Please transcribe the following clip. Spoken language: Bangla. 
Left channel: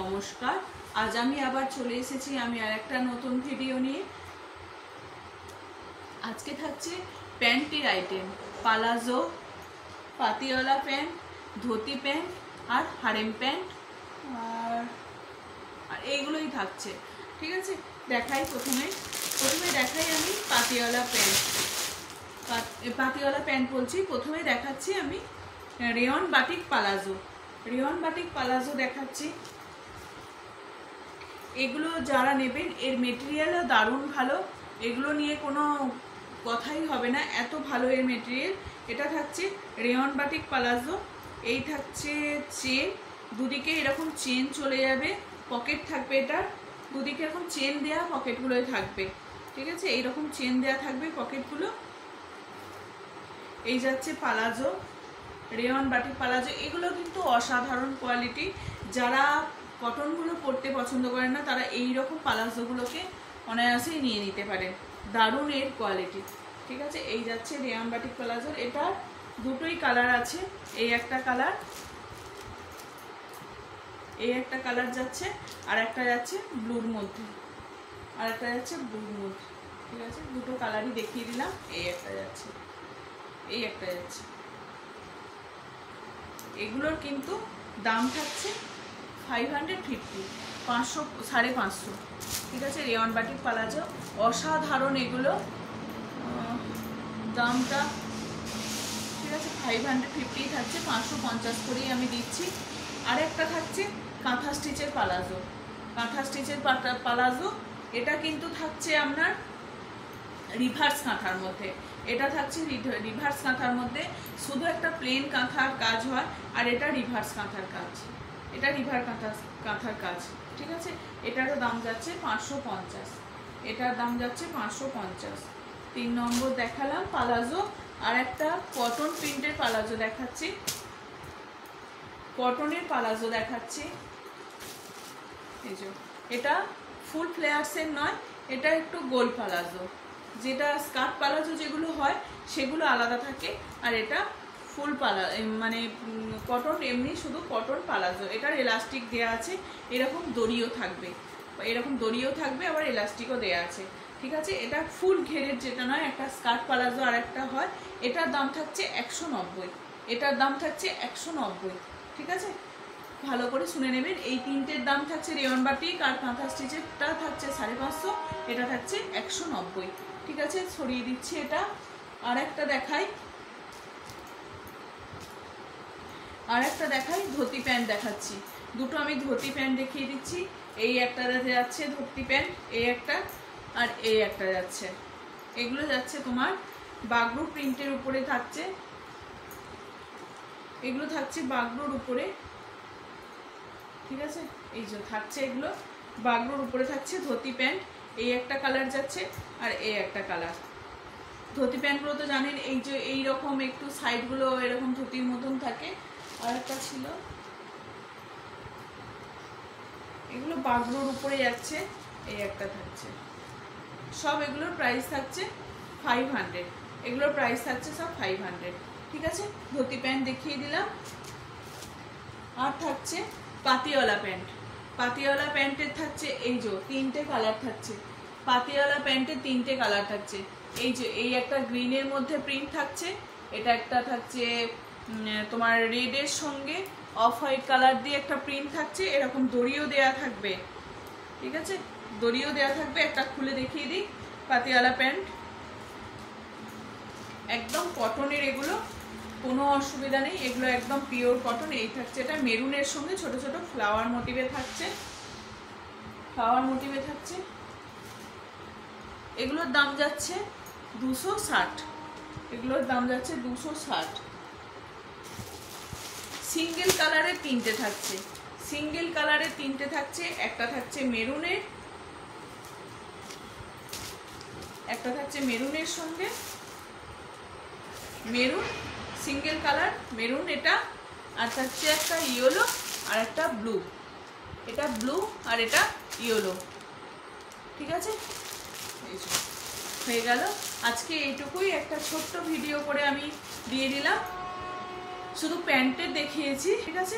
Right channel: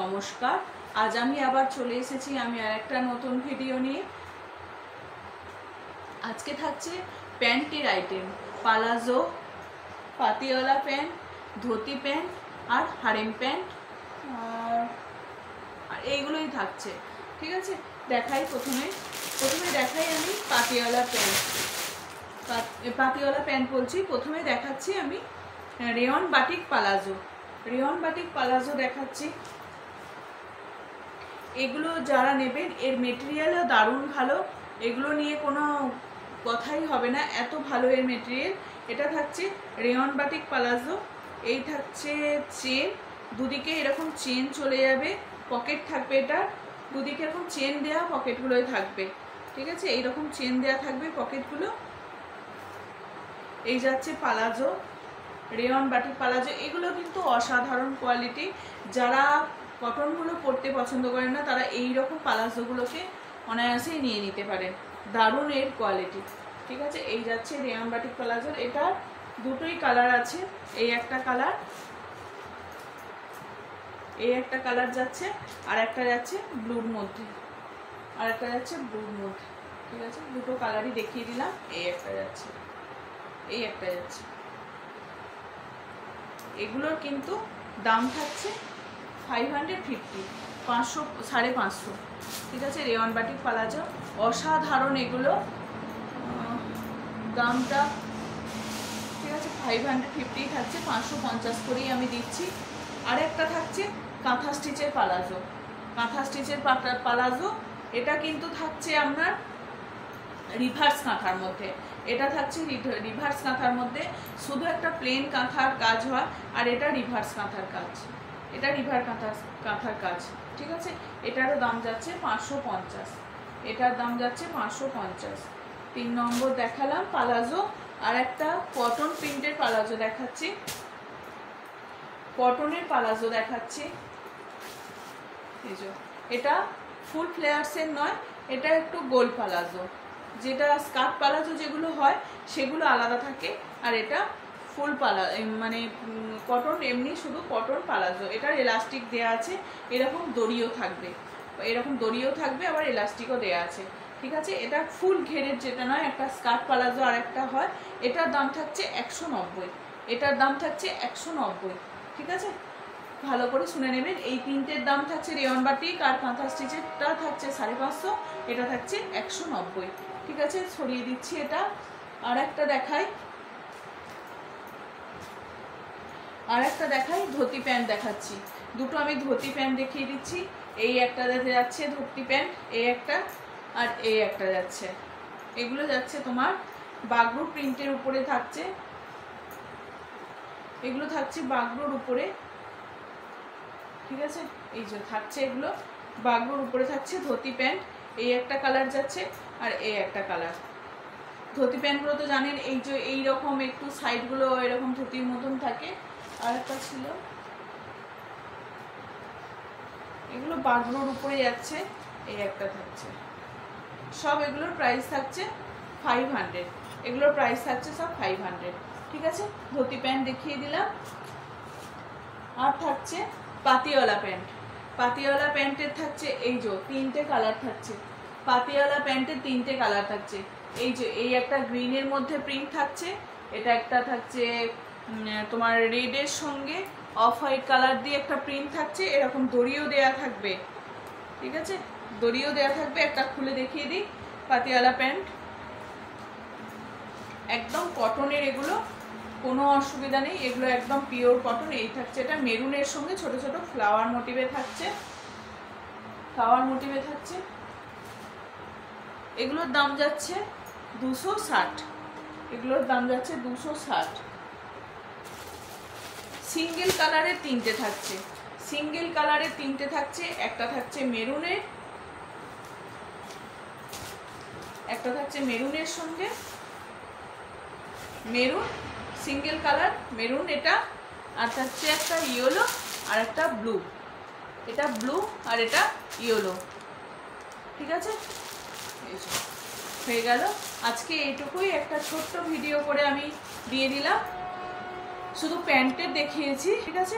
নমস্কার, আজ আমি আবার চলে এসেছি আমি আরেকটা নতুন ভিডিও নিয়ে। আজকে থাকছে প্যান্টের item, palazzo, Patiala pant, dhoti pant আর হারেম প্যান্ট আর এইগুলোই থাকছে। ঠিক আছে, প্রথমে দেখাই আমি পাতিওয়ালা প্যান্ট। পাতিওয়ালা প্যান্ট বলছি, প্রথমে দেখাচ্ছি আমি rayon batik palazzo. Rayon batik palazzo দেখাচ্ছি। এগুলো যারা নেবেন এর মেটেরিয়ালও দারুণ ভালো, এগুলো নিয়ে কোনো কথাই হবে না, এত ভালো এর মেটেরিয়াল। এটা থাকছে রেয়ন বাটিক পালাজো। এই থাকছে চেন, দুদিকে এরকম চেন চলে যাবে, পকেট থাকবে, এটা দুদিকে এরকম চেন দেওয়া পকেটগুলোই থাকবে। ঠিক আছে, এইরকম চেন দেওয়া থাকবে পকেটগুলো। এই যাচ্ছে পালাজো, রেয়ন বাটিক পালাজো। এগুলো কিন্তু অসাধারণ কোয়ালিটি। যারা কটনগুলো পরতে পছন্দ করেন না তারা এই রকম পালাজোগুলোকে অনায়াসেই নিয়ে নিতে পারেন, দারুণ এর কোয়ালিটি। ঠিক আছে, এই যাচ্ছে রেয়ন বাটিক পালাজোর। এটার দুটোই কালার আছে, এই একটা কালার, এই একটা কালার যাচ্ছে, আর একটা যাচ্ছে ব্লুর মধ্যে, আর একটা যাচ্ছে ব্লুর মধ্যে। ঠিক আছে, দুটো কালারই দেখিয়ে দিলাম। এই একটা যাচ্ছে, এই একটা যাচ্ছে। এগুলোর কিন্তু দাম থাকছে 550, 500, 550। ঠিক আছে, রেয়ন বাটিক পালাজো অসাধারণ এগুলো, দামটা ঠিক আছে 550 থাকছে, 550 করেই আমি দিচ্ছি। আর একটা থাকছে কাঁথা স্টিচের পালাজো। কাঁথা স্টিচের পালাজো, এটা কিন্তু থাকছে আপনার রিভার্স কাঁথার মধ্যে। এটা থাকছে রিভার্স কাঁথার মধ্যে, শুধু একটা প্লেন কাঁথার কাজ হয়, আর এটা রিভার্স কাঁথার কাজ, এটা রিভার কাঁথার কাজ। ঠিক আছে, এটারও দাম যাচ্ছে 550, এটার দাম যাচ্ছে 550। 3 নম্বর দেখালাম পালাজো। আর একটা কটন প্রিন্টের পালাজো দেখাচ্ছি, কটনের পালাজো দেখাচ্ছি। এই যে এটা ফুল ফ্লেয়ার্সের নয়, এটা একটু গোল পালাজো। যেটা স্কার্ট পালাজো যেগুলো হয় সেগুলো আলাদা থাকে, আর এটা ফুল মানে কটন, এমনি শুধু কটন পালাজো। এটার এলাস্টিক দেয়া আছে, এরকম দড়িও থাকবে, আবার এলাস্টিকও দেয়া আছে। ঠিক আছে, এটা ফুল ঘেরের যেটা নয়, একটা স্কার্ট পালাজো আর একটা হয়। এটার দাম থাকছে 190, এটার দাম থাকছে 190। ঠিক আছে, ভালো করে শুনে নেবেন। এই তিনটের দাম থাকছে রেয়ন বাটিক আর কাঁথা স্টিচেরটা থাকছে 550, এটা থাকছে 190। ঠিক আছে, ছড়িয়ে দিচ্ছি এটা। আর একটা দেখাই, ধুতি প্যান্ট দেখাচ্ছি। দুটো আমি ধুতি প্যান্ট দেখিয়ে দিচ্ছি। এই একটা যাচ্ছে ধুতি প্যান্ট, এই একটা, আর এই একটা যাচ্ছে। এগুলো যাচ্ছে তোমার বাগরুর প্রিন্টের উপরে থাকছে, এগুলো থাকছে বাগরুর উপরে। ঠিক আছে, এই যে থাকছে এগুলো বাগরুর উপরে থাকছে ধুতি প্যান্ট। এই একটা কালার যাচ্ছে, আর এই একটা কালার। ধুতি প্যান্টগুলো তো জানেন, এই যে এইরকম একটু সাইডগুলো এরকম ধুতির মতন থাকে। আর একটা ছিল, এগুলো বাগরুর উপরে যাচ্ছে, এই একটা থাকছে। সব এগুলোর প্রাইস থাকছে 500, এগুলোর প্রাইস থাকছে সব 500। ঠিক আছে, ধুতি প্যান্ট দেখিয়ে দিলাম। আর থাকছে পাতিওয়ালা প্যান্ট। পাতিওয়ালা প্যান্টের থাকছে এই যে 3টে কালার থাকছে, পাতিওয়ালা প্যান্টের 3টে কালার থাকছে। এই যে এই একটা গ্রিনের মধ্যে প্রিন্ট থাকছে, এটা একটা থাকছে তোমার রেডের সঙ্গে অফ হোয়াইট কালার দিয়ে একটা প্রিন্ট থাকছে, এরকম দড়িও দেয়া থাকবে। ঠিক আছে, দড়িও দেয়া থাকবে। একটা খুলে দেখিয়ে দিই। পাতিওয়ালা প্যান্ট একদম কটনের, এগুলো কোনো অসুবিধা নেই, এগুলো একদম পিওর কটন। এই থাকছে এটা মেরুনের সঙ্গে ছোট ছোট ফ্লাওয়ার মোটিভে থাকছে, এগুলোর দাম যাচ্ছে 260, এগুলোর দাম যাচ্ছে 260। সিঙ্গেল কালারের 3টে থাকছে, সিঙ্গেল কালারের 3টে থাকছে। একটা থাকছে মেরুনের, একটা থাকছে মেরুনের সঙ্গে, মেরুন সিঙ্গেল কালার, মেরুন এটা। আর থাকছে একটা ইয়েলো আর একটা ব্লু, এটা ব্লু আর এটা ইয়েলো। ঠিক আছে, হয়ে গেল। আজকে এইটুকুই, একটা ছোট্ট ভিডিও করে আমি দিয়ে দিলাম, শুধু প্যান্টের দেখিয়েছি। ঠিক আছে।